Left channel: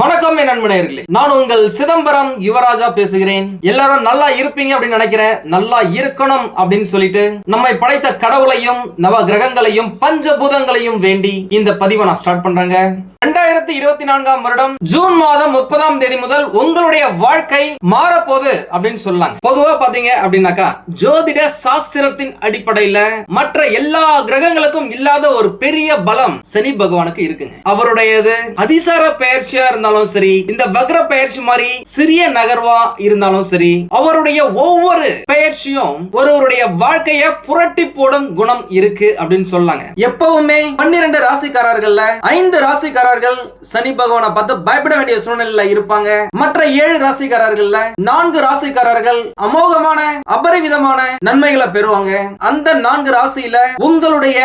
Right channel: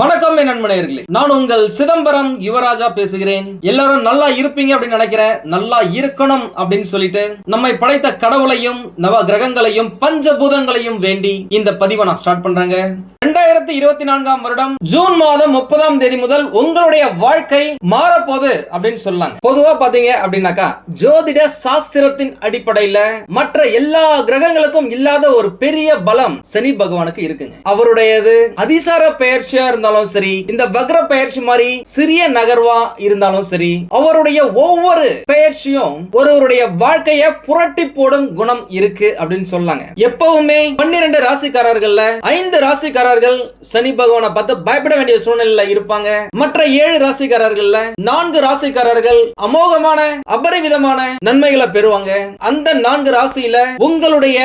வணக்கம் என் நண்பனேர்களே நான் உங்கள் சிதம்பரம் யுவராஜா பேசுகிறேன். எல்லாரும் நல்லா இருப்பீங்க அப்படின்னு நினைக்கிறேன். நல்லா இருக்கணும் அப்படின்னு சொல்லிட்டு நம்மை படைத்த கடவுளையும் நவ கிரகங்களையும் பஞ்சபூதங்களையும் வேண்டி இந்த பதிவை நான் ஸ்டார்ட் பண்றேங்க. ரெண்டாயிரத்தி இருபத்தி நான்காம் வருடம் ஜூன் மாதம் முப்பதாம் தேதி முதல் உங்களுடைய வாழ்க்கை மாறப்போகுது அப்படின்னு சொல்லலாம் பொதுவா பாத்தீங்க அப்படின்னாக்கா ஜோதிட சாஸ்திரத்தின் அடிப்படையில மற்ற எல்லா கிரகங்களுக்கும் இல்லாத ஒரு பெரிய பலம் சனி பகவானுக்கு இருக்குங்க. அவருடையது அதிசார பெயர்ச்சியா இருந்தாலும் சரி இந்த வக்ர பெயர்ச்சி மாதிரி சிறிய நகர்வா இருந்தாலும் சரி அவருடைய ஒவ்வொரு பெயர்ச்சியும் ஒருவருடைய வாழ்க்கைய புரட்டி போடும் குணம் இருக்கு அப்படின்னு சொல்லாங்க. எப்பவுமே பன்னிரண்டு ராசிக்காரர்கள்ல ஐந்து ராசிக்காரர்கள் சனி பகவானை பார்த்து பயப்பட வேண்டிய சூழ்நிலையில இருப்பாங்க. மற்ற ஏழு ராசிக்காரர்கள்ல நான்கு ராசிக்காரர்கள் அமோகமான அபரிவிதமான நன்மைகளை பெறுவாங்க. அந்த நான்கு ராசியில உங்களுடைய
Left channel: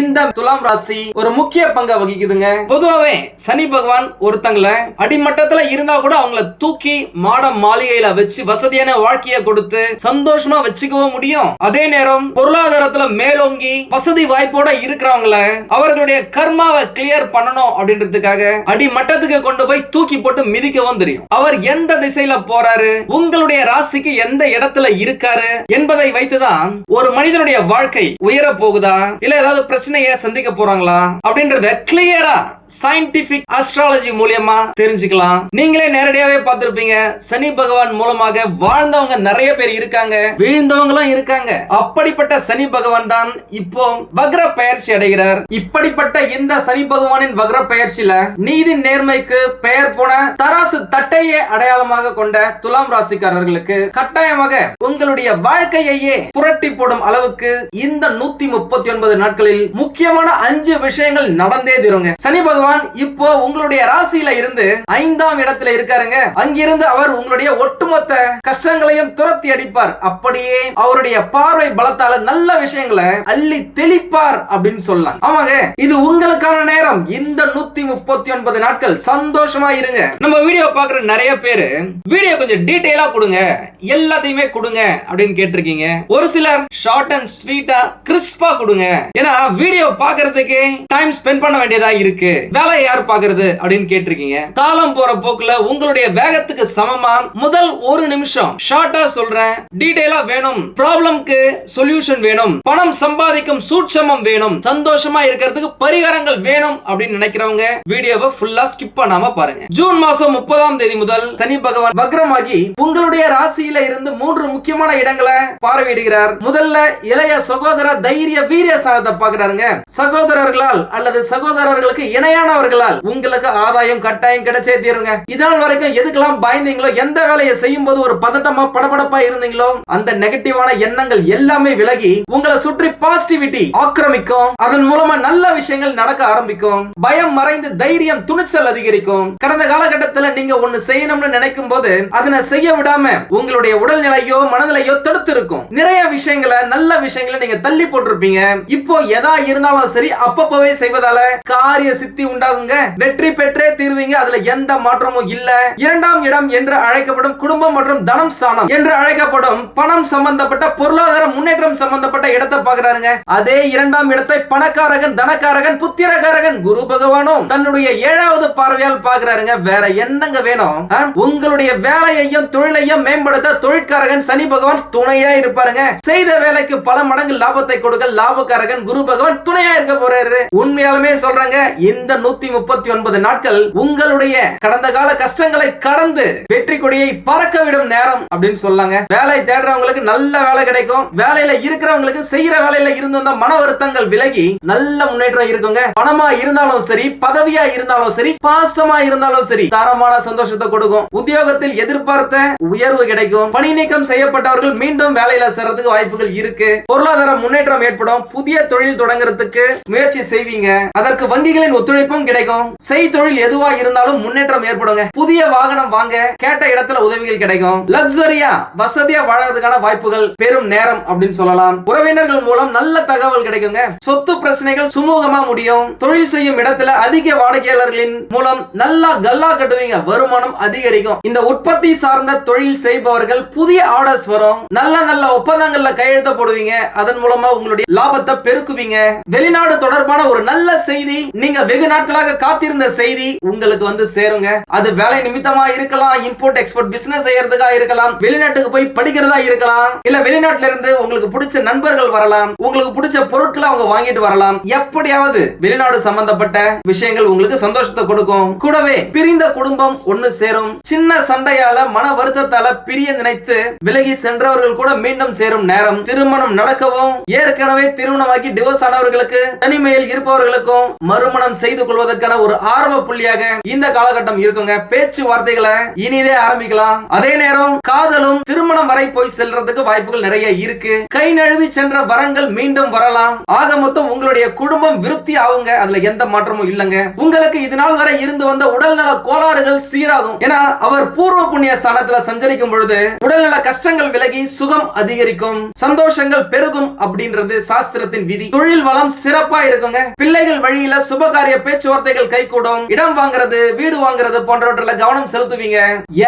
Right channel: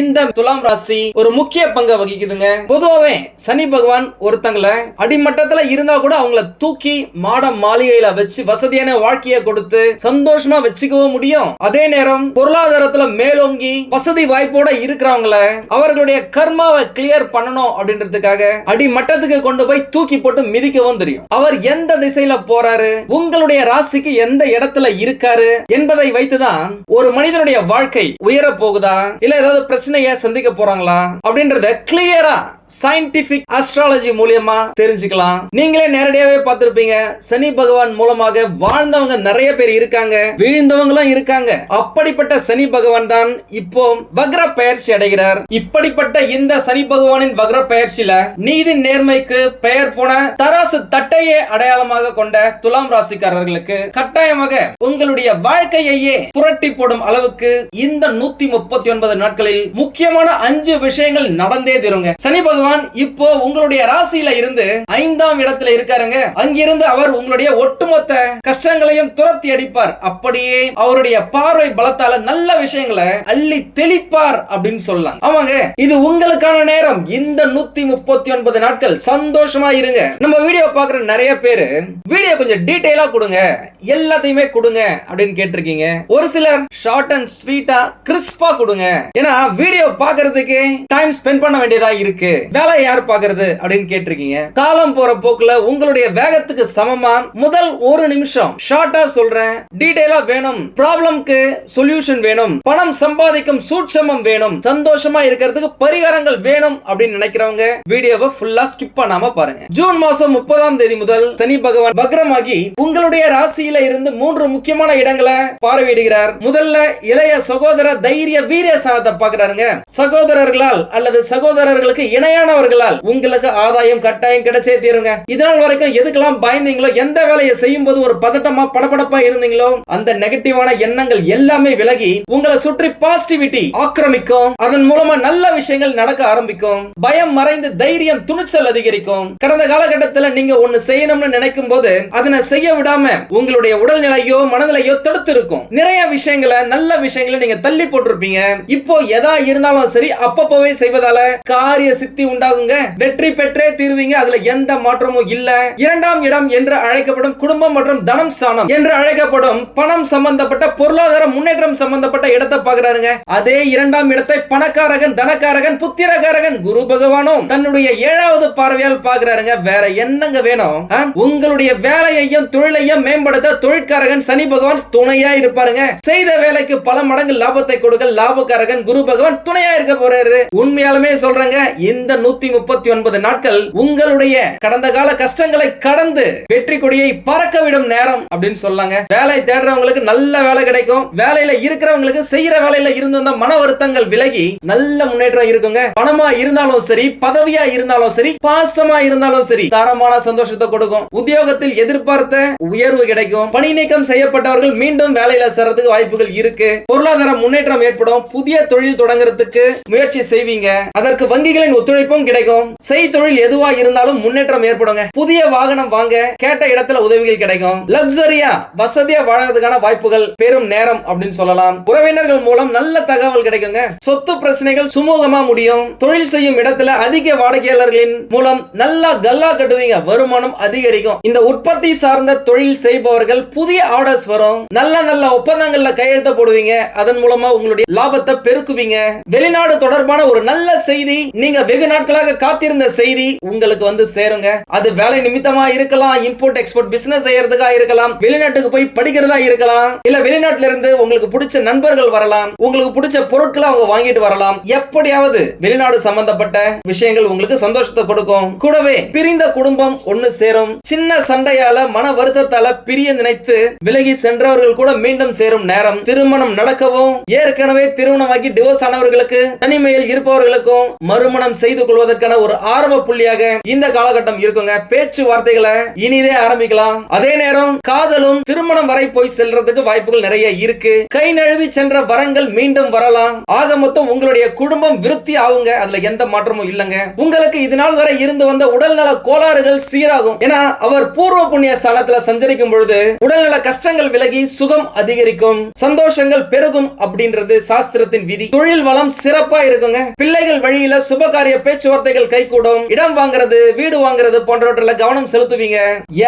இந்த துலாம் ராசி ஒரு முக்கிய பங்கை வகிக்குதுங்க. பொதுவாவே சனி பகவான் ஒருத்தங்களை அடிமட்டத்துல இருந்தா கூட அவங்கள தூக்கி மாட மாளிகையில வச்சு வசதியான வாழ்க்கைய கொடுத்து சந்தோஷமா வச்சுக்கவும் முடியும். அதே நேரம் பொருளாதாரத்துல மேலோங்கி வசதி வாய்ப்போட இருக்கிறவங்கள அவர்களுடைய கர்மாவை கிளியர் பண்ணணும் அப்படின்றதுக்காக அடிமட்டத்துக்கு கொண்டு போய் தூக்கி போட்டு மிதிக்கவும் தெரியும். அவர் எந்த திசையில போறாரு உங்களுடைய ராசிக்கு எந்த இடத்துல இருக்காரு என்பதை வைத்துதான் ஒரு மனிதனுடைய வாழ்க்கை உயர போகுதா இல்ல ஏதாவது பிரச்சனையை சந்திக்க போறாங்களா அப்படின்றத கிளியரா சயின்டிபிக் அஸ்ட்ராலஜி மூலியமா தெரிஞ்சுக்கலாம். நீங்களே நேரடியாவே பார்த்திருப்பீங்க. சனி பகவான் மூலமாக வாழ்ந்தவங்க நிறைய பேர் இருக்காங்க. வீழ்ந்தவங்களும் இருக்காங்க. அப்படிப்பட்ட சனி பகவான் தான் இப்போ வக்ர பயிற்சி அடைகிறார். இப்படிப்பட்ட இந்த சனி பகவானின் வக்ர பயிற்சியில நீதி நேர்மைக்கு பெயர் போன தராசு தட்டையே அடையாளமாக கொண்ட துலாம் ராசிக்காரர்களுக்கு கட்டாயமாக உங்களுடைய வாழ்க்கையையே புரட்டி போடும் அளவுக்கு இந்த நூத்தி முப்பத்தி ஒன்பது நாட்களில் முக்கியமான அஞ்சு விஷயங்கள் நடந்தே தீருங்க. சனி பகவான் இப்போ உங்களுடைய ராசியில இருந்து ஐந்தாம் இடத்துல இருக்காருங்க. அங்கிருந்து அவர் உங்களுடைய ஒட்டுமொத்த கஷ்டங்களையும் துரத்தி அடிப்பார். அப்படியே அவருடைய பார்வை பலத்தால நல்ல விஷயங்களை அள்ளி தெளிப்பார் அப்படின்னு சொல்லலாம். ஆமாங்க இது உங்களுக்கான நேரம். இந்த நூத்தி முப்பத்தி ஒன்பது நாட்கள். சந்தோஷமா இருங்க. நம்ம வீடியோ பாக்குற நிறைய பேரு வீடியோ கொஞ்சம் டீட்டெயிலா கொடுங்க. எல்லாத்தையுமே கொடுங்க. அப்படின்னு கேட்டிருக்கீங்க. ஒரு சிலர் ஷார்ட் அண்ட் ஸ்வீட்டா கிறிஸ்பா கொடுங்க. ஏன்னா வீடியோ பாக்குறதுக்கு டைம் ஸ்பெண்ட் பண்ண வேண்டியதா இருக்கு. வேலை யார் பாக்குறது அப்படின்னு கேட்டிருக்கீங்க. காலம் போற போக்குல உங்களுடைய வேகத்துக்கு சமமா? முதல் ஒரு நிமிஷம் ஷார்ட்டா சொல்றேன். டீடைலா வேணும். ப்ராப்ளம்க்கு சொல்யூஷன் வேணும். பணம் சம்பாதிக்கும் சூட்சமம் வேணும். சந்தோஷமா இருக்கிறதுக்கு பரிகாரங்கள் வேணும் அப்படின்னு நினைக்கிறவங்க வீடியோவை ஃபுல்லா ஸ்கிப் பண்ணாம பாருங்க. ஜூன் மாசம் முப்பதாம் தேதி முதல் சனி பகவான் வக்ரமாகி உங்களுடைய ராசியில இருந்து மூன்று முக்கியமான இடங்களை பார்வையிடுகிறார். முதல்ல இளைய சகோதர தைரிய வீரிய ஸ்தானத்தை பாக்குறாருங்க சகோதரர்களால் அல்லது சகோதரர்களுக்கு இணையானவர்களால் உங்களுக்கு ஆதாயம் கட்டாயம் கிடைச்சே தீருங்க. இதனால் வரைக்கும் எதுக்கெல்லாம் பயந்தீங்களோ எந்த வேலையை செய்யும் போது ஒரு பதட்டமா படபடப்பா இருந்தீங்களோ அந்த நெகட்டிவான எண்ணங்கள் எல்லாமே விலகி உங்களை சுற்றி பாசிட்டிவிட்டி ஆக்கிரமிக்கும். அதன் மூலமா நல்ல விஷயங்கள் நடக்க ஆரம்பிக்கும். பயம் மறைந்து தைரியம் துணிச்சல் அதிகரிக்கும். கடந்த காலகட்டத்தில் நீங்க ஒண்ணு செய்யணும்னு நினைக்கும் போது அதனை செய்ய விடாம உங்களுடைய உடல்நிலையோ மனநிலையோ தடுத்து இருக்கும் நிறைய விஷயங்களை நல்ல விஷயங்களை நீங்க தள்ளி போட்டிருப்பீங்க. இப்போ எதா இருந்தாலும் சரி அப்பப்பவே செய்வதால காரிய சித்தி உண்டாகுங்க. வெற்றி பெற்றே தீர்வீங்க. அதுல எந்த மாற்றமும் இல்ல. இரண்டாம் இடம் என்று அழைக்கப்படும் குடும்பம் மற்றும் தனம் ஸ்தானம் என்று அழைக்கப்படும் பணம் சம்பந்தப்பட்ட பொருளாதார முன்னேற்றம் சம்பந்தப்பட்ட இடத்தை பாக்குறாருங்க அதே இரண்டாம் இடத்தை பணக்காரகன் தனக்காரகன் புத்திரக்காரகன் குரு பகவானும் தன்னுடைய ஏழாவது பார்வையால் பாக்குறாருங்க வேற என்னங்க வேணும்? உங்களுடைய வேலையையும் தொழிலையும் மேம்படுத்த தொழிற்காரகன் சனி பகவான் துணையா இருப்பாருங்க. செய்த வேலைக்கு பல மடங்கு லாபத்தை கொடுக்க லாபக்காரகன் குரு பகவான் துணையா இருக்க போறாரு. உண்மையாலுமே சொல்றாங்க இந்த நூத்தி முப்பத்தி ஒன்பது நாட்கள் உங்களுடைய கடந்த கால கஷ்டங்களை கடந்து வெற்றி கொடியை பறக்க விடும் நேரம் அப்படின்னு சொல்லாங்க. வேலை தேடுறவங்களுக்கு நல்ல வேலை கிடைக்கும். வேலையில இருக்கிறவங்களுக்கு செய்யற வேலையில இருந்து வந்த மன வருத்தங்கள் விலகி நல்ல முன்னேற்றம் இருக்குங்க. பணமா இருந்தாலும் சரி பதவியா இருந்தாலும் சரி பாசமா இருந்தாலும் சரி தரமான சந்தோஷத்தை கொடுக்கும். உத்தியோகத்தில் எதிர்பார்த்த உயர்வு கிடைக்கும். பணி நீக்கம் செய்யப்பட்டவர்கள் மீண்டும் வேலையில சேர்றதுக்கு வாய்ப்புகள் இருக்கு. பொருளாதார முன்னேற்றம் ஏற்படும். புதிய தொழில் தொடங்குறதுக்கு முயற்சி செய்வீங்க. அதற்கு வங்கிகளின் ஒத்துழைப்பும் கிடைக்கும். செய் தொழில் எதுவா இருந்தாலும் முன்னேற்றம் ஏற்படுங்க. புதிய வாகனம் வாங்க கேட்ட இடத்துல உதவிகள் கிடைக்கும். லக்ஸரியா வசதியா வாழறதுக்கான வாய்ப்புகள் பெரும் நேரம் அப்படின்னு சொல்லலாம். உறவினர்கள் மூலம் நல்ல தகவல் கிடைக்குங்க. சொத்து பிரச்சனைகள் சுமூகமா முடியும். தொழில் செய்யும் இடத்துல அதிக வாடிக்கையாளர்களின் மூலம் நல்லா கல்லா கட்டுவீங்க. வருமானம் அதிகரிக்கும். இந்த உற்பத்தி சார்ந்த தொழில் செய்பவர்கள் புதிய ஆர்டர்ஸ் வரும். நல்ல நல்ல ஒப்பந்தங்கள்ல கையெழுத்த போடுவீங்க அதன் மூலமா உங்களுடைய லாபத்தை பெருக்குவீங்க. வெளிநாடு தொடர்பான ஒரு நல்ல செய்தி நீங்க வெகு நாட்களாக காத்திருந்த செய்தி உங்களுக்கு வந்து வந்து சேருங்க. அது வேலை நிமித்தமா இருக்கலாம் இம்போர்ட் எக்ஸ்போர்ட் பிசினஸ் செய்யறதுக்கா இருக்கலாம் வெளிநாட்டுக்கு போய் படிக்கிறதா இருக்கலாம் இல்ல வெளிநாட்டுல இருந்து உங்களுக்கு பிடிச்ச நண்பர்கள் வரலாம் உங்களுக்கு பிடிச்ச பொருட்களை அவங்க வாங்கிட்டு வரலாம். எப்படியாவது வெளிநாடு சம்பந்தப்பட்ட விஷயங்கள் உங்களுக்கு சந்தோஷத்தை கொடுக்கும். கூடவே பிரிந்த குடும்பம் ஒண்ணு சேரும். சின்ன சண்டையால மன வருத்தத்தால பிரிய நினைத்து விலகி சென்றவர்கள் கூட மீண்டும் சேரும் நேரம். திருமணம் நடக்கவும் ஏற்கனவே திருமணமாகி டிவோர்ஸ் ஆனவர்களுக்கு தனிமையில் இருப்பவர்களுக்கும் மறுமணம் செய்து கொள்வதற்கான ஒரு ஆரம்ப புள்ளியாக இந்த இந்த காலகட்டம் இருக்குங்க. பேச்சுவார்த்தைகளை இனிதே ஆரம்பிக்கலாம். அதே நேரம் காதலும் திருமணம் வரை போய் செல்றதுக்கு வாய்ப்புகள் நிறைய இருக்கு. கை நழுவி சென்ற வரன்கள் மீண்டும் வரலாம். ஆக மொத்தம் உங்களுடைய குடும்பம் விருத்தி ஆகுங்க. அதுல எந்த மாற்றமும் இல்லைங்க. உங்களுக்கு இது நாள் வரை இருந்து வந்த உடல்நல கோளாறுகள் சீராகும். ஏன்னா அவர் பூர்வ புண்ணிய ஸ்தானத்துல சஞ்சரிக்கும் பொழுது உடல்நல கஷ்டங்கள் விலகி சுகம் அதிகரிக்கும். சந்தோஷங்கள் பெருகும் அப்படின்றது சாஸ்திரத்தின் விதி. தொழில் வளம் சிறப்பா இருக்குங்க. பிள்ளைகள் வழியில சுபகாரிய பேச்சுவார்த்தைகள் கைகூடும். இடம் வாங்குறது வீடு வாங்குறது போன்றவற்றில் கவனம் செலுத்துவீங்க.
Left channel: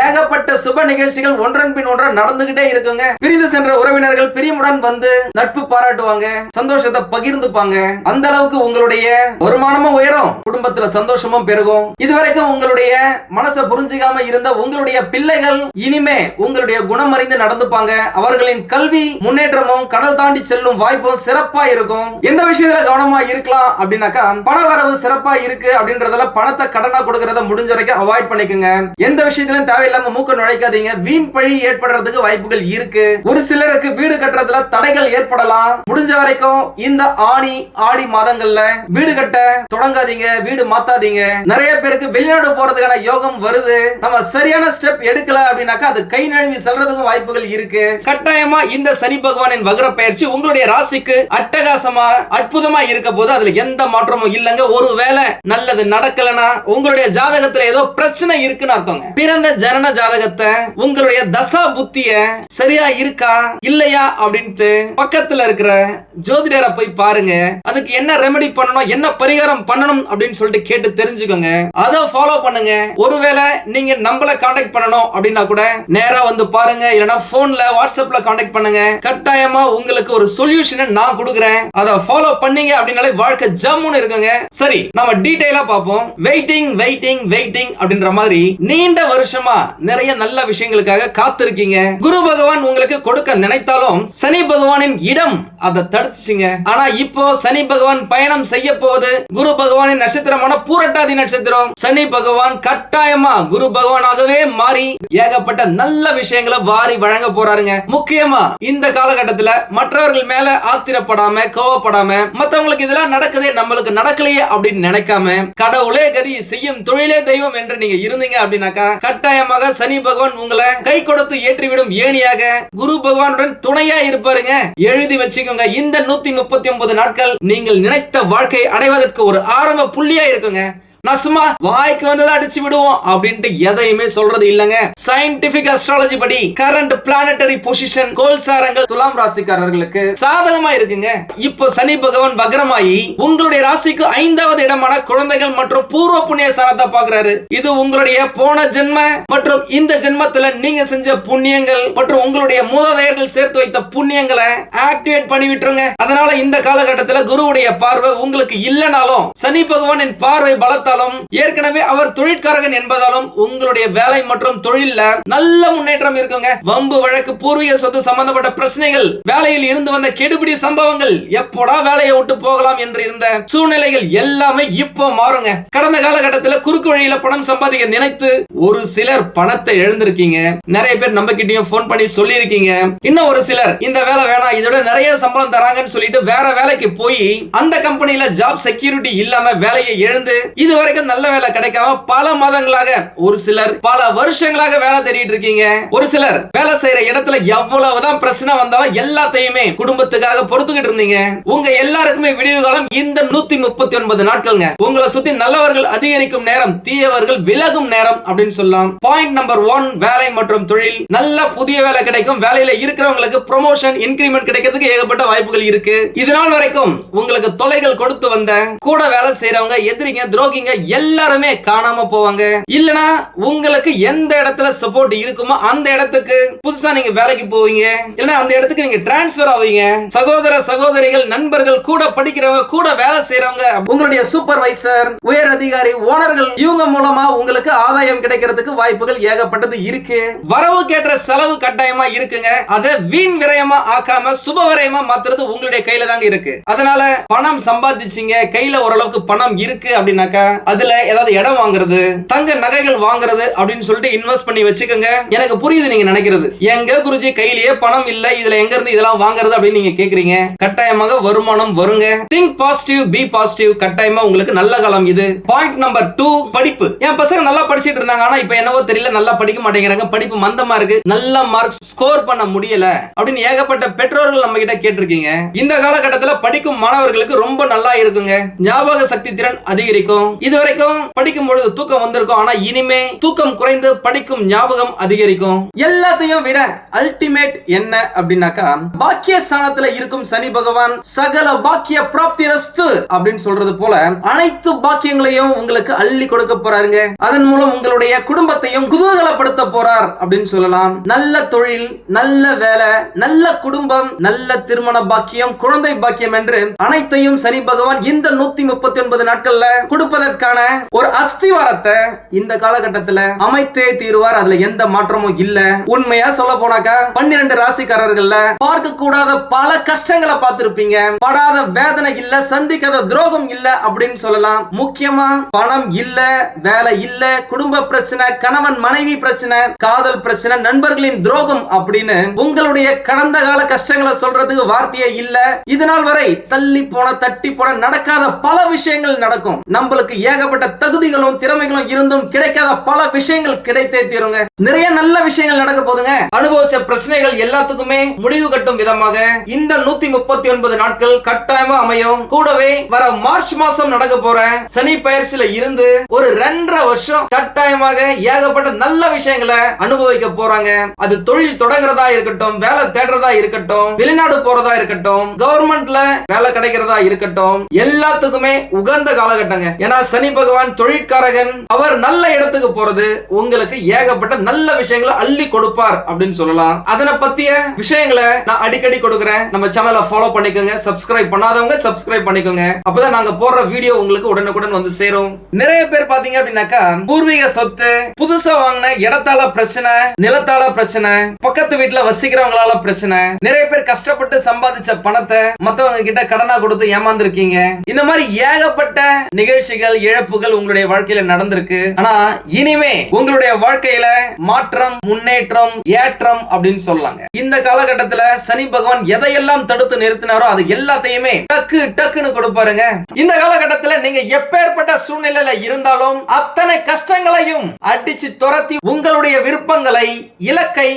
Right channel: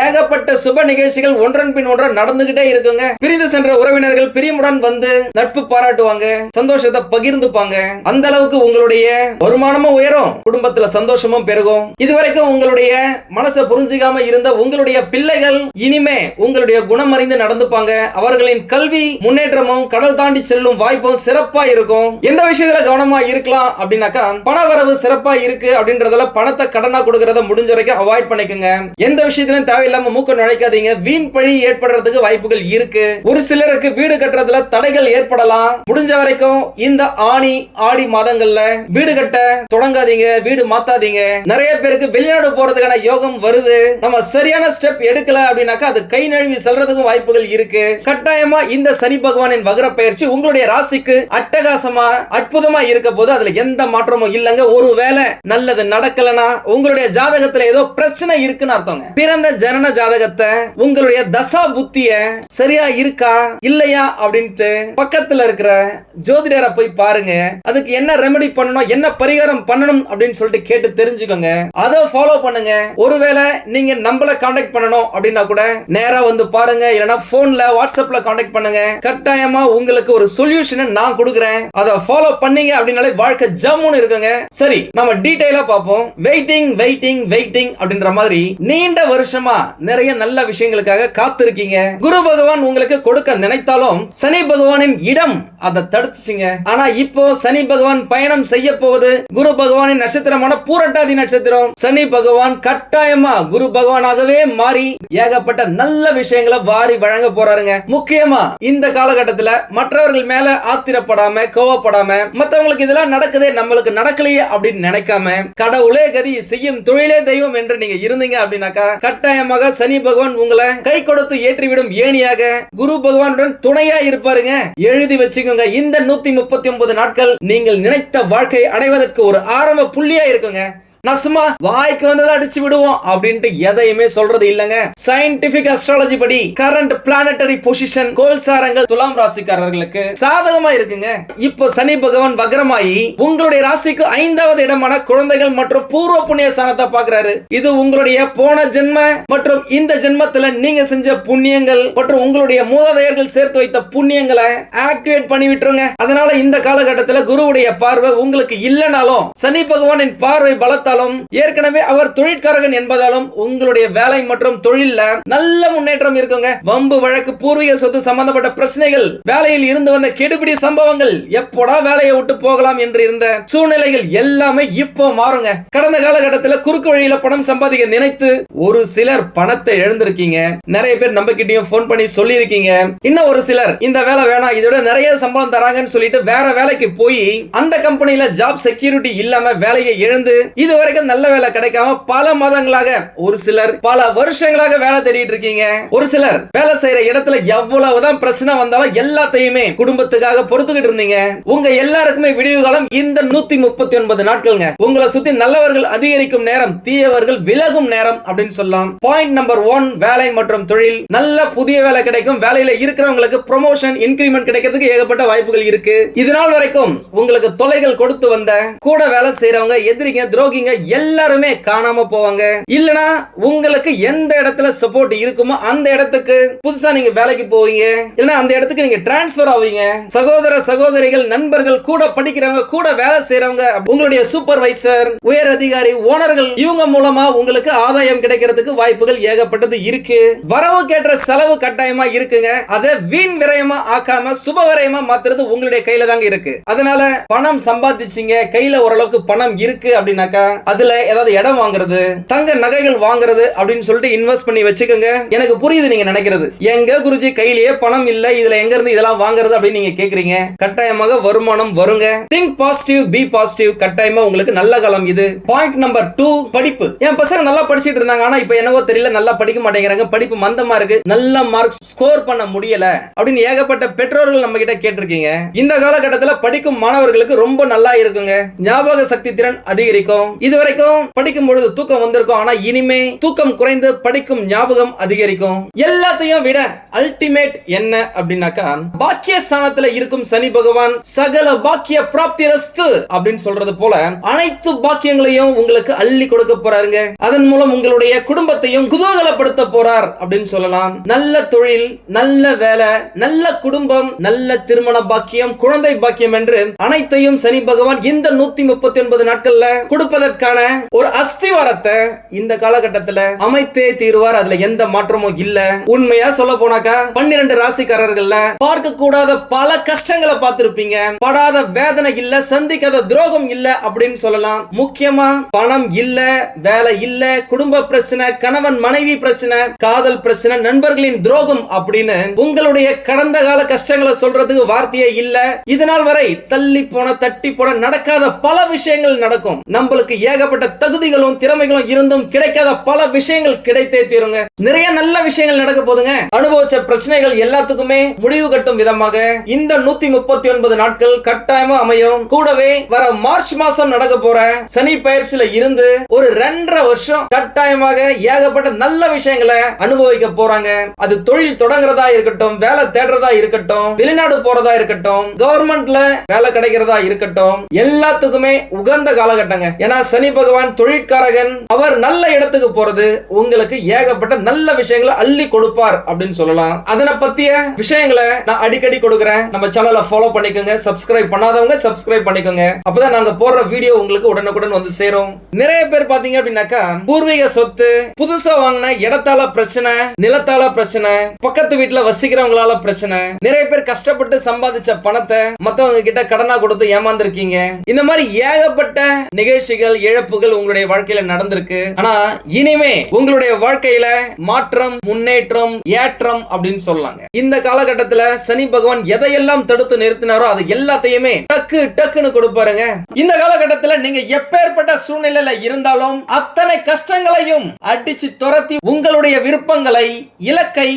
ஏகப்பட்ட சுப நிகழ்ச்சிகள் ஒன்றன் பின் ஒன்றா நடந்துகிட்டே இருக்குங்க. பிரிந்து சென்ற உறவினர்கள் பிரியமுடன் வந்து நட்பு பாராட்டுவாங்க சந்தோஷத்தை பகிர்ந்துப்பாங்க. அந்த அளவுக்கு உங்களுடைய வருமானமும் உயரும் குடும்பத்துல சந்தோஷமும் பெருகும். இதுவரைக்கும் உங்களுடைய மனசை புரிஞ்சுக்காம இருந்த உங்களுடைய பிள்ளைகள் இனிமே உங்களுடைய குணம் அறிந்து நடந்துப்பாங்க. அவர்களின் கல்வி முன்னேற்றமும் கடல் தாண்டி செல்லும் வாய்ப்பும் சிறப்பா இருக்கும். எந்த விஷயத்துல கவனமா இருக்கலாம் அப்படின்னாக்கா பண வரவு சிறப்பா இருக்கு அப்படின்றதுல பணத்தை கடனா கொடுக்கறது முடிஞ்ச வரைக்கும் அவாய்ட் பண்ணிக்கோங்க. எந்த விஷயத்திலும் தேவையில்லாம மூக்க நுழைக்காதீங்க. வீண் பழி ஏற்படுறதுக்கு வாய்ப்புகள் இருக்கு. ஒரு சிலருக்கு வீடு கட்டுறதுல தடைகள் ஏற்படலாம். முடிஞ்ச வரைக்கும் இந்த ஆணி ஆடி மாதங்கள்ல வீடு கட்ட தொடங்காதீங்க. வீடு மாத்தாதீங்க. நிறைய பேருக்கு வெளிநாடு போறதுக்கான யோகம் வருது. நம்ம சரியான ஸ்டெப் எடுக்கல அப்படின்னாக்கா அது கை நழுவி செல்றதுக்கும் வாய்ப்புகள் இருக்கு. கட்டாயமா இந்த சனி பகவானின் வகர பயிற்சி உங்களுடைய ராசிக்கு அட்டகாசமா அற்புதமா இருக்க போது அதுல எந்த மாற்றமும் இல்லைங்க. ஒருவேளை நல்லது நடக்கலனா உங்களுடைய ஜாதகத்துல ஏதோ பிரச்சனை இருக்குன்னு அர்த்தங்க. பிறந்த ஜனன ஜாதகத்தை உங்களுடைய தசா புத்திய சரியா இருக்கா இல்லையா அப்படின்ட்டு பக்கத்துல இருக்கிற ஜோதிடரை போய் பாருங்க. அதுக்கு என்ன ரெமெடி பண்ணணும் என்ன பரிகாரம் பண்ணணும் அப்படின்னு சொல்லிட்டு கேட்டு தெரிஞ்சுக்கோங்க. அதை ஃபாலோ பண்ணுங்க. ஒருவேளை நீங்க நம்மள காண்டாக்ட் பண்ணணும் அப்படின்னா கூட நேரா வந்து பாருங்க. இல்லைன்னா போன்ல வாட்ஸ்அப்ல காண்டாக்ட் பண்ணுங்க. கட்டாயமா உங்களுக்கு ஒரு சொல்யூஷனை நான் கொடுக்குறேன். அதை ஃபாலோ பண்ணீங்க அப்படின்னாலே வாழ்க்கை ஜம்முன்னு இருக்குங்க. சரி நம்ம டீட்டெயிலா பார்ப்போம். வெயிட்டிங் வெயிட்டிங் வெயிட்டிங் வெயிட்டிங் அப்படின்ற மாதிரி நீண்ட வருஷமா நிறைய நல்ல விஷயங்களுக்காக காத்திருக்கீங்க. குரு பகவான் உங்களுக்கு கொடுக்க நினைத்தாலும் சனி பகவானின் இடம் அதை தடுத்துச்சுங்க. ஆனா இப்போ சனி பகவான் பயணம் செய்ய போவது குரு பகவானின் நட்சத்திரமான பூரட்டாதி நட்சத்திரம். சனி பகவான் கட்டாயமா குரு பகவானாகவே மாறி ஏகப்பட்ட நல்ல விஷயங்களை வாரி வழங்க போறாருங்க. முக்கியமா இந்த காலகட்டத்துல மற்றவர்கள் மேல ஆத்திரப்படாம கோவப்படாம மத்தவங்களுக்கு இதெல்லாம் நடக்குதே நம்மளுக்கு நடக்கலையே அப்படின்னு நினைக்காம கடவுளே கதி செய்யும் தொழில் தெய்வம் என்று நீங்க இருந்தீங்க அப்படின்னாக்கா கட்டாயமாக சனி பகவான் உங்களை கை கொடுத்து ஏற்றிவிடும் ஏணியாக குரு பகவானுடன் துணையா இருப்பாருங்க. எழுதி வச்சுக்கோங்க. இந்த நூத்தி முப்பத்தி ஒன்பது நாட்கள் நீங்கள் நினைத்த வாழ்க்கை அடைவதற்கு ஒரு ஆரம்ப புள்ளியா இருக்குங்க. நான் சும்மா வாய்க்கு வந்ததை அடிச்சு விடுவோம் அப்படின்ட்டு எதையுமே சொல்றது இல்லங்க. சயின்டிபிக் அஸ்ட்ராலஜி படி கரண்ட் பிளானட்டரி பொசிஷன் கோல்சாரங்கள் துலாம் ராசிக்காரர்களுக்கு சாதகமா இருக்குங்க. இப்போ சனி பகவான் வக்ரமாயி உங்களுடைய ராசிக்கு ஐந்தாவது இடமான குழந்தைகள் மற்றும் பூர்வ புண்ணிய ஸ்தானத்தை பாக்குறாரு இது உங்களுடைய போன ஜென்ம மற்றும் இந்த ஜென்மத்துல நீங்க செஞ்ச புண்ணியங்கள் மற்றும் உங்களுடைய மூதாதையர்கள் சேர்த்து வைத்த புண்ணியங்களை ஆக்டிவேட் பண்ணி விட்டுருங்க. அதனால இந்த காலகட்டத்துல குருவுடைய பார்வை உங்களுக்கு இல்லைனாலும் சனி பகவானின் பார்வை என்பதாலும் ஏற்கனவே அவர் தொழிற்காரகன் என்பதாலும் உங்களுடைய வேலை மற்றும் தொழில்ல நல்ல முன்னேற்றம் இருக்குங்க. வம்பு வழக்கு பூர்வீக சொத்து சம்பந்தப்பட்ட பிரச்சனைகள் வேலையில் இருந்து வந்த கெடுபிடி சம்பவங்கள் எப்போடா வேலையை விட்டு போகலாம் என்று இருந்த சூழ்நிலைகள் எல்லாமே இப்போ மாறுங்க. கடந்த காலகட்டத்தில் குறுக்கு வழியில பணம் சம்பாதிக்க நினைத்து ஒரு சிலர் பணத்தை எழுந்திருக்கீங்க. நிறைய பேர் நம்ம கிட்டயும் போன் பண்ணி சொல்லியிருக்கீங்க. இன்னும் ஒரு சிலர் இந்த வேலை வேணாம் இதோட நிறைய சம்பளம் தராங்கன்னு சொல்லிட்டு வேற வேலைக்கு போய் அந்த கம்பெனில ஜாப் செக்யூரிட்டி இல்லாம வேலையை இழந்து இதுவரை வரைக்கும் நல்ல வேலை கிடைக்காம பல மாதங்களாக ஒரு சிலர் பல வருஷங்களாக வேலை தேடிட்டு இருக்கீங்க. ஒரு சிலர் வேலை செய்யற இடத்துல எவ்வளவுதான் பிரச்சனை வந்தாலும் எல்லாத்தையுமே குடும்பத்துக்காக பொறுத்துக்கிட்டு இருந்தீங்க. உங்க எல்லாருக்குமே விடிவு காலம் இந்த நூத்தி முப்பத்தி ஒன்பது நாட்கள்ங்க. உங்களை சுத்தி நல்லவர்கள் அதிகரிக்கும் நேரம் தீயவர்கள் விலகும் நேரம் அப்படின்னு சொல்லலாம். பாயிண்ட் நம்பர் ஒன் வேலை மற்றும் தொழில். நல்ல புதிய வேலை கிடைக்கும். வேலையில இருக்கிறவங்களுக்கு ப்ரொமோஷன் இன்கிரிமெண்ட் கிடைக்கிறதுக்கு ஏகப்பட்ட வாய்ப்புகள் இருக்கு. இது நாள் வரைக்கும் உங்களுக்கு தொலைகள் கொடுத்து வந்த கூட வேலை செய்யறவங்க எதிரிங்க துரோகிங்க எல்லாருமே காணாம போவாங்க. இல்லனா உங்களுக்கு எந்த இடத்துல சப்போர்ட் இருக்குமோ அந்த இடத்துக்கு புதுசா நீங்க வேலைக்கு போவீங்க. இல்லனா அந்த இடத்துக்கு நீங்க டிரான்ஸ்பர் ஆவீங்க. சகோதர சகோதரிகள் நண்பர்கள் கூட படிக்கிறவங்க கூட வேலை செய்யறவங்க உங்களுடைய சூப்பர்வைசர் உயர் அதிகாரி ஓனர்கள் இவங்க மூலமா உங்களுக்கு ஆதாயம் கிடைக்கிறதுக்கு வாய்ப்புகள் ஏகப்பட்டது இருக்கு. வரவு கேட்ட செலவு கட்டாயமா இருக்குங்க. அதை வீண் விரயமா ஆக்காம சுப விரயமா மாத்துறது உங்களுடைய கையில தாங்க இருக்கு. அதனால பணம் சம்பாதிச்சீங்க. கையில ஓரளவுக்கு பணம் இருக்கு அப்படின்னாக்கா அதுல ஏதாவது இடம் வாங்குறது தங்க நகைகள் வாங்குறது அப்படின்னு சொல்லிட்டு இன்வெஸ்ட் பண்ணி வச்சுக்கோங்க. எனக்கு புரியுது நீங்க நினைக்கிறது. எங்க குருஜி கையிலேயே பணம் இல்ல இதுல எங்க இருந்து இதெல்லாம் வாங்குறது அப்படின்னு நீங்க கேக்குறீங்க. கட்டாயமாக வருமானம் வருங்க. திங்க் பாசிட்டிவ் பி பாசிட்டிவ் கட்டாயமா உங்களுக்கு நல்ல காலம் இது. பாயிண்ட் நம்பர் டூ படிப்பு. என் பசங்க நல்லா படிச்சிட்டு இருந்தாங்க ஆனா இப்ப என்னவோ தெரியல நல்லா படிக்க மாட்டேங்கிறாங்க. படிப்பு மந்தமா இருக்கு. நல்ல மார்க் ஸ்கோர் பண்ண முடியல அப்படின்னு ஏகப்பட்ட பெற்றோர்கள் நம்ம கிட்ட கேட்டிருக்கீங்க. இந்த காலகட்டத்தில் படிக்கும் மாணவர்களுக்கு ரொம்ப நல்லா இருக்குங்க. ஞாபக சக்தி திறன் அதிகரிக்கும். இது வரைக்கும் படிக்கும் பொழுது தூக்கம் வந்திருக்கும் ஆனா இனிமே தூக்கம் குறைந்து படிக்கும் ஞாபகம் அதிகரிக்கும். எல்லாத்தையும் விட அல்டிமேட் என்ன அப்படின்னாக்கா பாக்கிய ஸ்தானத்துல இருக்கும் சனி பகவான் சகல பாக்கிய பிராப்தி ரஸ்து அப்படின்னு சொல்றது போல அனைத்து பாக்கியங்களையும் உங்களுக்கு அள்ளி கொடுக்க போறாருங்க. அதன் மூலம் உங்களுடைய குடும்பத்தையும் குதூகலப்படுத்த போறார் அப்படின்னு சொல்லலாம். நல்ல தொழில் நல்ல வேலை நல்ல குடும்பம் நல்ல திருமண பாக்கியம் குழந்தை பாக்கியம் என்று அனைத்தையும் சனி பகவான் இந்த நூத்தி முப்பத்தி ஒன்பது நாட்கள்ல கொடுப்பதற்கு கொடுப்பதற்கான ஒரு அஸ்திவாரத்தை இந்த காலகட்டத்துல அமைத்தே தீர்வார். அதுல எந்த மாற்றமும் இல்ல. உண்மையா சொல்ல போனாக்கா பன்னிரண்டு ராசிக்காரர்கள்ல பார்க்க கூடாத பல கஷ்டங்களை பார்த்திருப்பீங்க. படாத வேதனை இல்ல சந்திக்காத துரோகம் இல்ல அப்படின்னு சொல்லலாம். முக்கியமா பணம் இல்ல வேலை இல்ல குடும்ப பிரச்சனை கணவன் மனைவி பிரச்சனை காதல் பிரச்சனை நண்பர்களின் துரோகம் அப்படின்னு உங்களுடைய கடந்த கால கஷ்டங்களை சொல்றதுக்கு வார்த்தையே இல்ல. இதனால் வரை தள்ளி போன தட்டி போன நடக்காத பல விஷயங்கள் நடக்கும். நம்மளுக்கு ஏகப்பட்ட தகுதிகளும் திறமைகளும் இருந்தும் கிடைக்காத பல விஷயங்கள் கிடைத்தே தீருங்க. நிறைய நல்ல விஷயங்கள் நடக்க போதுங்க. அனுபவிச்ச பிரச்சனைகள் எல்லாத்துக்குமே முடிவு கட்டும் விதமாக இந்த நூத்தி முப்பத்தி ஒன்பது நாட்கள் கட்டாயமா அமையும். கூடவே வர மார்ச் மாசம் நடக்க போற சனி பயிற்சியில இருந்து ஒரு ரெண்டரை வருஷம் கட்டாயமாக ஏகப்பட்ட நல்ல விஷயங்களை அனுபவிக்க போறாங்க. அது தொழில் தொடங்குறதா இருக்கட்டும் வேலை தேடுறதா இருக்கட்டும் வெளிநாடு போறதா இருக்கட்டும் கவர்மெண்ட்ல வேலை கிடைக்கிறதா இருக்கட்டும் எல்லாத்துக்குமே உகந்த காலகட்டங்க. ஏன்னா சனி பகவான் தொழிற்காரகன் அவர் நல்ல இடத்துக்கு போறது உங்களுக்கு ஏகப்பட்ட நல்ல விஷயங்களை அள்ளி கொடுப்பார் அப்படின்னு சொல்லலாம். அதனை பத்திய விஷயங்களை நான் அடிக்கடி கொடுக்குறேன். நம்ம சேனலை ஃபாலோ பண்ணிக்கோங்க. சப்ஸ்கிரைப் பண்ணாதவங்க சப்ஸ்கிரைப் பண்ணிக்கோங்க. அப்பதான் நாங்க போடுற வீடியோ உங்களுக்கு உடனுக்குடன் வந்து சேரும். நிறைய பேர் பாத்தீங்க அப்படின்னாக்கா பூர்வீக சொத்து புதுசா வாங்கின இடத்தால பிரச்சனை நிலத்தால பிரச்சனை பக்கத்து வீட்டுல வசிக்கிறவங்களால பிரச்சனை நிறைய பேர் கஷ்டப்பட்டு சம்பாதிச்ச பணத்தை மத்தவங்க கிட்ட கடனா கொடுத்து ஏமாந்துருக்கீங்க. இந்த மாதிரி ஏகப்பட்ட நிகழ்ச்சிகள் இழப்புகள் உங்களுடைய வாழ்க்கையில நடந்திருக்கு. ஆனா இனிமே உங்களுடைய வாழ்க்கையில மாற்றம் முன்னேற்றம் ஏற்றம் அப்படின்னு சொல்லலாங்க இந்த காலகட்டத்துல சனி பகவான் எதையெல்லாம் தடுத்து நிறுத்தினாரோ அது எல்லாத்தையுமே டக்கு டக்குன்னு கொடுப்பாருங்க. இந்த காலகட்டத்துல நீங்க எப்பேற்பட்ட சூழ்நிலையில இருந்தாலும் அத்தனை கஷ்டங்களையும் அடிச்சு துரத்தி உங்களுடைய விருப்பங்களை இலக்கை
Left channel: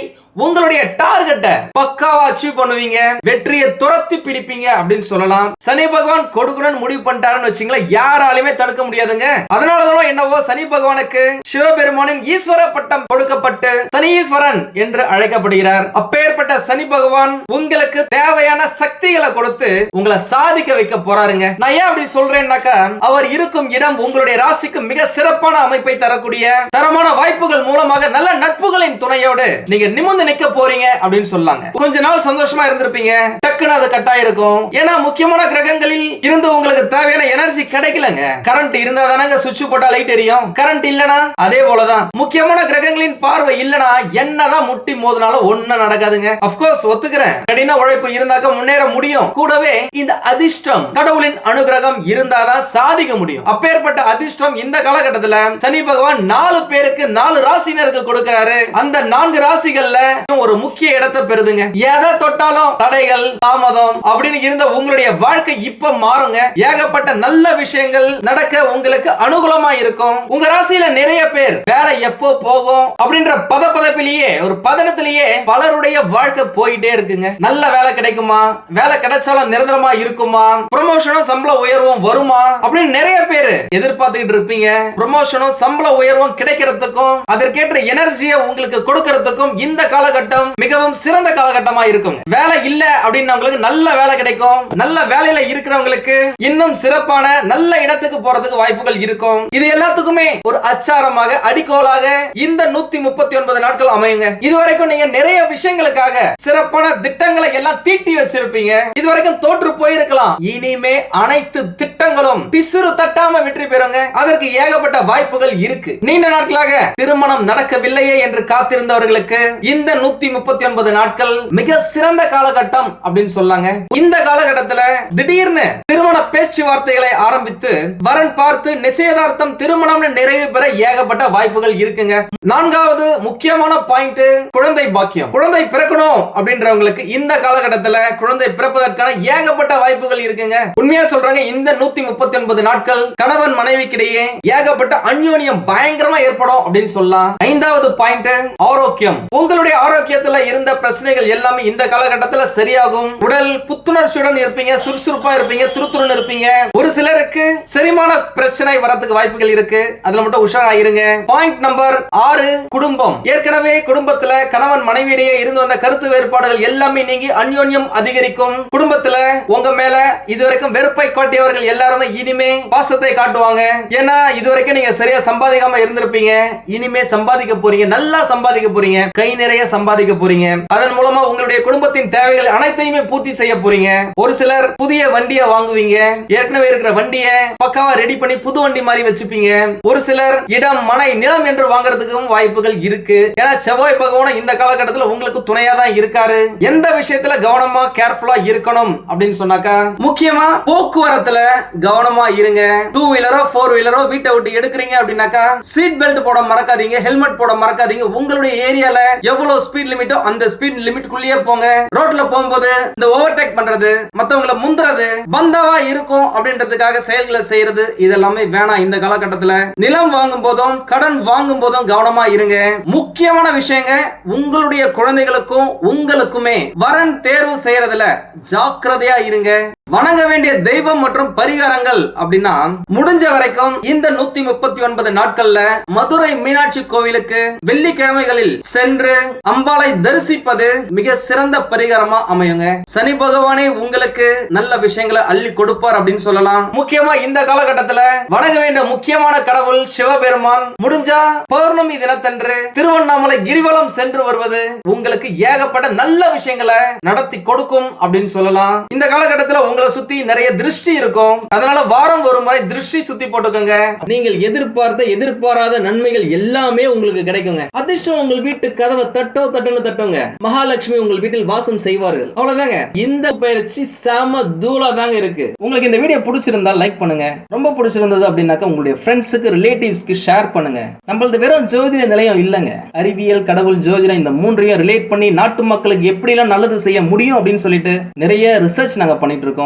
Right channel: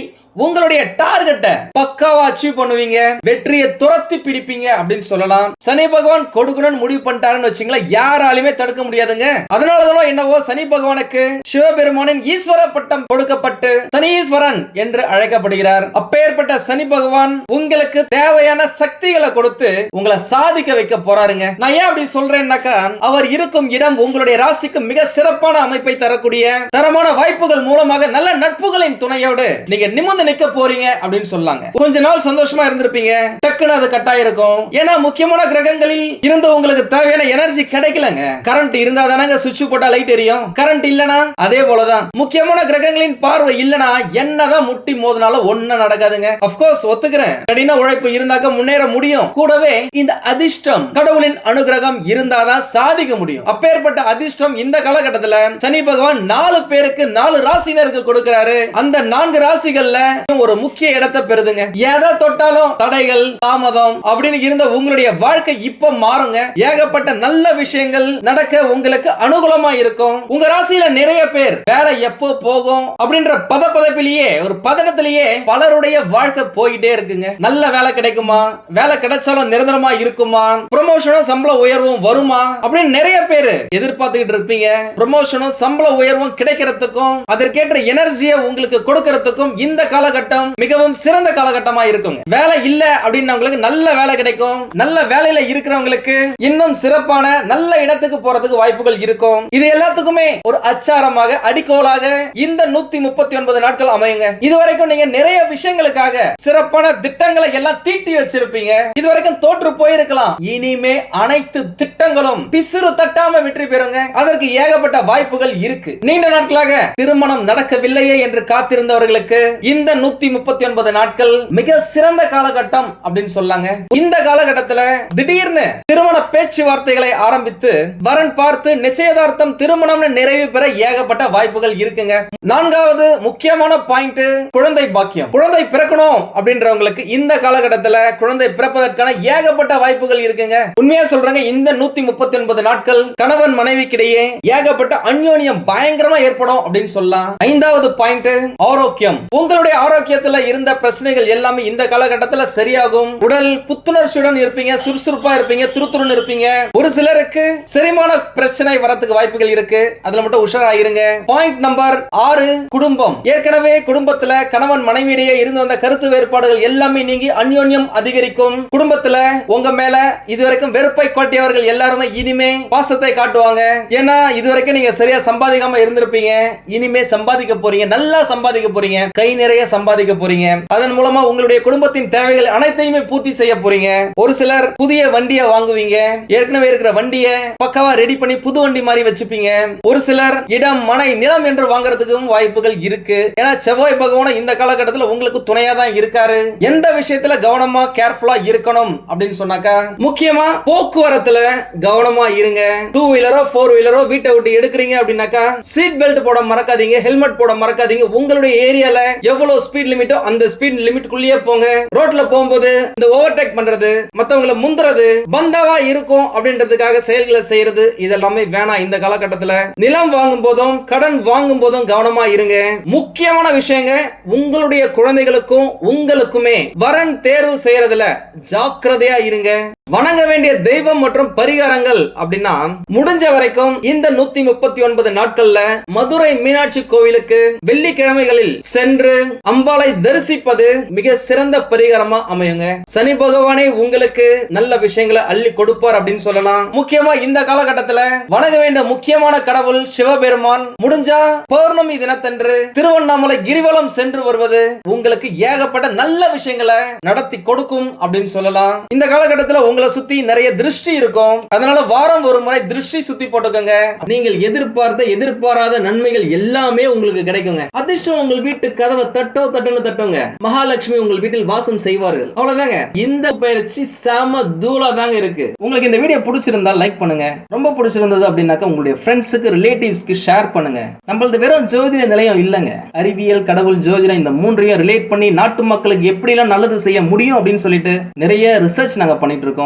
உங்களுடைய டார்கெட்டை பக்காவா அச்சீவ் பண்ணுவீங்க வெற்றியை துரத்தி பிடிப்பீங்க அப்படின்னு சொல்லலாம். சனி பகவான் கொடுக்கணும்னு முடிவு பண்ணிட்டாருன்னு வச்சுங்களேன் யாராலுமே தடுக்க முடியாதுங்க. அதனாலதான் என்னவோ சனி பகவானுக்கு சிவபெருமானின் ஈஸ்வர பட்டம் கொடுக்கப்பட்டு சனீஸ்வரன் என்று அழைக்கப்படுகிறார். அப்பேற்பட்ட சனி பகவான் உங்களுக்கு தேவையான சக்திகளை கொடுத்து உங்களை சாதிக்க வைக்க போறாருங்க. நான் ஏன் அப்படி சொல்றேன்னாக்கா அவர் இருக்கும் இடம் உங்களுடைய ராசிக்கு மிக சிறப்பான அமைப்பை தரக்கூடிய தரமான வாய்ப்புகள் மூலமாக நல்ல நட்புகளின் துணையோடு நீங்க நிமிர்ந்து நிக்க போறீங்க அப்படின்னு சொல்லாங்க. கொஞ்ச நாள் சந்தோஷமா இருந்திருப்பீங்க. டக்குன்னு அது கட்டாயிருக்கும். இருக்கும் ஏன்னா முக்கியமான கிரகங்களில் இருந்து உங்களுக்கு தேவையான எனர்ஜி கிடைக்கலங்க. கரண்ட் இருந்தா தானங்க சுவிட்ச் போட்டா லைட் எரியும். கரண்ட் இல்லனா அதே போலதான். முக்கியமான கிரகங்களின் பார்வை இல்லனா என்னதான் முட்டி மோதினாலும் ஒண்ணும் நடக்காதுங்க. அப்கோர்ஸ் ஒத்துக்கிறேன். கடின உழைப்பு இருந்தாக்க முன்னேற முடியும். கூடவே இந்த அதிர்ஷ்டம் கடவுளின் அனுகிரகம் இருந்தாதான் சாதிக்க முடியும். அப்பேற்பட்ட அதிர்ஷ்டம் இந்த காலகட்டத்துல சனி பகவான் நாலு பேருக்கு நாலு ராசினருக்கு கொடுக்கிறாரு. அந்த நான்கு ராசிகள்ல ஒரு முக்கிய இடத்தை பெறுதுங்க. எதை தொட்டாலும் தடைகள் தாமதம் அப்படின்னு இருந்த உங்களுடைய வாழ்க்கை இப்ப மாறுங்க. ஏகப்பட்ட நல்ல விஷயங்கள் நடக்க உங்களுக்கு அனுகூலமா இருக்கும். உங்க ராசியில நிறைய பேர் வேலை எப்போ போகும் அப்படின்ற பதப்பதப்பிலேயே ஒரு பதனத்திலேயே பலருடைய வாழ்க்கை போயிட்டே இருக்குங்க. நல்ல வேலை கிடைக்குமா? வேலை கிடைச்சாலும் நிரந்தரமா இருக்குமா? ப்ரொமோஷனும் சம்பள உயர்வும் வருமா? அப்படின்னு நிறைய பேர் எதிர்பார்த்துக்கிட்டு இருப்பீங்க. ப்ரொமோஷனும் சம்பள உயர்வும் கிடைக்கிறதுக்கும் அதற்கேற்ற எனர்ஜியை உங்களுக்கு கொடுக்கறதுக்கும் இந்த காலகட்டம் மிகவும் சிறந்த காலகட்டமா இருக்கும் வேலை இல்ல அப்படின்னவங்களுக்கு நல்ல வேலை கிடைக்கும். நல்ல வேலையில இருக்கிறவங்களுக்கு இன்னும் சிறப்பான நல்ல இடத்துக்கு போறதுக்கு வாய்ப்புகள் இருக்கும். இது எல்லாத்துக்குமே ஒரு அச்சாரமாக அடிக்கோலாக இந்த நூத்தி முப்பத்தி ஒன்பது நாட்கள் அமையுங்க. இதுவரைக்கும் நீங்க நிறைய விஷயங்களுக்காக சிறப்பான திட்டங்களை எல்லாம் தீட்டி வச்சிருப்பீங்க. இதுவரைக்கும் தோற்று போயிருக்கலாம். இனிமே அனைத்து திட்டங்களும் பிசுறு தட்டாம வெற்றி பெறுங்க. அதற்கு ஏகப்பட்ட வாய்ப்புகள் இருக்கு. நீண்ட நாட்களாக திருமணம் நடக்கவில்லையே என்று காத்திருந்தவர்களுக்கு இந்த நூத்தி முப்பத்தி ஒன்பது நாட்கள் மிக சிறந்த காலகட்டம் அப்படின்னு சொல்லாங்க. இந்த காலகட்டத்துல திடீர்னு திருமண பேச்சுவார்த்தைகளை ஆரம்பித்து வரன் பார்த்து நிச்சயதார்த்தம் திருமணம்னு நிறைவு பெற ஏகப்பட்ட வாய்ப்புகள் இருக்குங்க. நான்காவது முக்கியமான பாயிண்ட் குழந்தை பாக்கியம். குழந்தை பிறக்கணும் அப்படின்றவங்களுக்கு இந்த காலகட்டத்துல குழந்தை பிறப்பதற்கான ஏகப்பட்ட வாய்ப்புகள் இருக்குங்க. உண்மையா சொல்றாங்க இந்த நூத்தி முப்பத்தி ஒன்பது நாட்கள் கணவன் மனைவிக்கிடையே ஏகப்பட்ட அந்யோன்யம் பயங்கரமா ஏற்படும் அப்படின்னு சொல்லலாம். ஐந்தாவது பாயிண்ட் ஆரோக்கியம். உங்களுடைய ஆரோக்கியத்துல இருந்த பிரச்சனைகள் எல்லாமே இந்த காலகட்டத்துல சரியாகும். உடல் புத்துணர்ச்சியுடன் இருப்பீங்க சுறுசுறுப்பா இருப்பீங்க துருத்துருன்னு இருப்பீங்க. ஒரு சிலருக்கு செரிமான பிரச்சனை வரத்துக்கு வாய்ப்புகள் இருக்கு. அதுல மட்டும் உஷாராயிருங்க. பாயிண்ட் நம்பர் ஆறு குடும்பம். ஏற்கனவே குடும்பத்துல கணவன் மனைவியிடையே இருந்து வந்த கருத்து வேறுபாடுகள் எல்லாமே நீங்கி அந்யோன்யம் அதிகரிக்கும். குடும்பத்துல உங்க மேல இதுவரைக்கும் வெறுப்பை காட்டியவர்கள் எல்லாருமே இனிமே பாசத்தை காட்டுவாங்க. ஏன்னா இதுவரைக்கும் நீங்க சரியா சம்பாதிக்காம இருந்திருப்பீங்க. இனிமே சம்பாதிக்க போறீங்க. நல்லா சம்பாதிக்க போறீங்க. கை நிறைய சம்பாதிக்க போறீங்க. அதன் மூலமா உங்களுடைய குடும்பத்தின் தேவைகள் அனைத்தையுமே பூர்த்தி செய்ய போறீங்க. ஒரு சிலர் புதிய வண்டியை வாங்குவீங்க. ஏற்கனவே இருக்கிற வண்டியை பக்காவா ரெடி பண்ணி புது வண்டி மாதிரி வச்சுப்பீங்க. ஒரு சிலர் இடம் மனை நிலம் என்று வாங்குறதுக்கும் வாய்ப்புகள் இருக்கு. ஏன்னா செவ்வாய் பகவான் இந்த காலகட்டத்தில் உங்களுக்கு துணையா தான் இருக்காரு. எந்த விஷயத்துல கவனமா கேர்ஃபுல்லா இருக்கணும் அப்படின்னு சொன்னாக்கா முக்கியமா போக்குவரத்துல கவனமா இருங்க. டூ வீலரோ ஃபோர் வீலரோ வீட்டை விட்டு எடுக்கிறீங்க அப்படின்னாக்கா சீட் பெல்ட் போட மறக்காதீங்க ஹெல்மெட் போட மறக்காதீங்க. உங்களுடைய ஏரியால எவ்வளவு ஸ்பீட் லிமிட்டோ அந்த ஸ்பீட் லிமிட்குள்ளேயே போங்க. ரோட்ல போகும்போது இந்த ஓவர்டேக் பண்றது மத்தவங்கள முந்துறது பந்தாவா இருக்கும் அப்படின்றதுக்காக செயல்களை செய்யறது இதெல்லாமே வேணாம் இந்த காலகட்டத்துல. நிலம் வாங்கும் போதும் கடன் வாங்கும் போதும் கவனமா இருங்க. முக்கியமான விஷயங்க உங்களுடைய குழந்தைகளுக்கும் உங்களுக்குமே வரன் தேர்வு செய்யறதுல ஜாக்கிரதையா இருங்க. வணங்க வேண்டிய தெய்வம் மற்றும் பரிகாரங்கள் அப்படின்னா முடிஞ்ச வரைக்கும் இந்த நூத்தி முப்பத்தி ஒன்பது நாட்கள்ல மதுரை மீனாட்சி கோவிலுக்கு வெள்ளிக்கிழமைகளில் சென்று அம்பாளை தரிசிப்பது மிக சிறந்த பரிகாரமா அமையுங்க. சனி பகவானே உங்களுக்கு நல்ல விஷயங்களை அள்ளி கொடுப்பார் அப்படின்னு சொல்லலாம். முக்கியமா இந்த காலகட்டத்துல வணங்க வேண்டிய முக்கியமான கடவுள் சிவபெருமான். முடிஞ்சா பௌர்ணமி தினத்தன்று திருவண்ணாமலை கிரிவலம் சென்று வருவது உங்களுக்கு ஏகப்பட்ட நல்ல விஷயங்களை நடத்தி கொடுக்கும் அப்படின்னு சொல்லலாம். இந்த காலகட்டத்துல உங்களை சுத்தி நிறைய திருஷ்டி இருக்கும். அதனால வாரம் ஒரு முறை திருஷ்டி சுத்தி போட்டுக்கோங்க. நீங்கள் எதிர்பார்த்த எதிர்பாராத நன்மைகள் எல்லாமே உங்களுக்கு கிடைக்குங்க. அதிர்ஷ்டம் உங்கள் வீட்டு கதவை தட்டோ தட்டுன்னு தட்டுங்க. மகாலட்சுமி உங்கள் வீட்டில் வாசம் செய்வார்கள். அவ்வளவுதாங்க. இந்த பயிற்சி செம தூளா தாங்க இருக்கு. உங்களுக்கு இந்த வீடியோ பிடிச்சிருந்தா லைக் பண்ணுங்க. ரொம்ப பிடிச்சிருந்தது அப்படின்னாக்கா உங்களுடைய ஃப்ரெண்ட்ஸுக்கு ரிலேட்டிவ்ஸ்க்கு ஷேர் பண்ணுங்க. நம்மளது வெறும் ஜோதிட நிலையம் இல்லைங்க. அறிவியல் கடவுள் ஜோதிடம் இந்த மூன்றையும் ரிலேட் பண்ணி நாட்டு மக்களுக்கு எப்படிலாம் நல்லது செய்ய முடியும் அப்படின்னு சொல்லிட்டு நிறைய ரிசர்ச் நாங்க பண்ணிட்டு இருக்கோம்.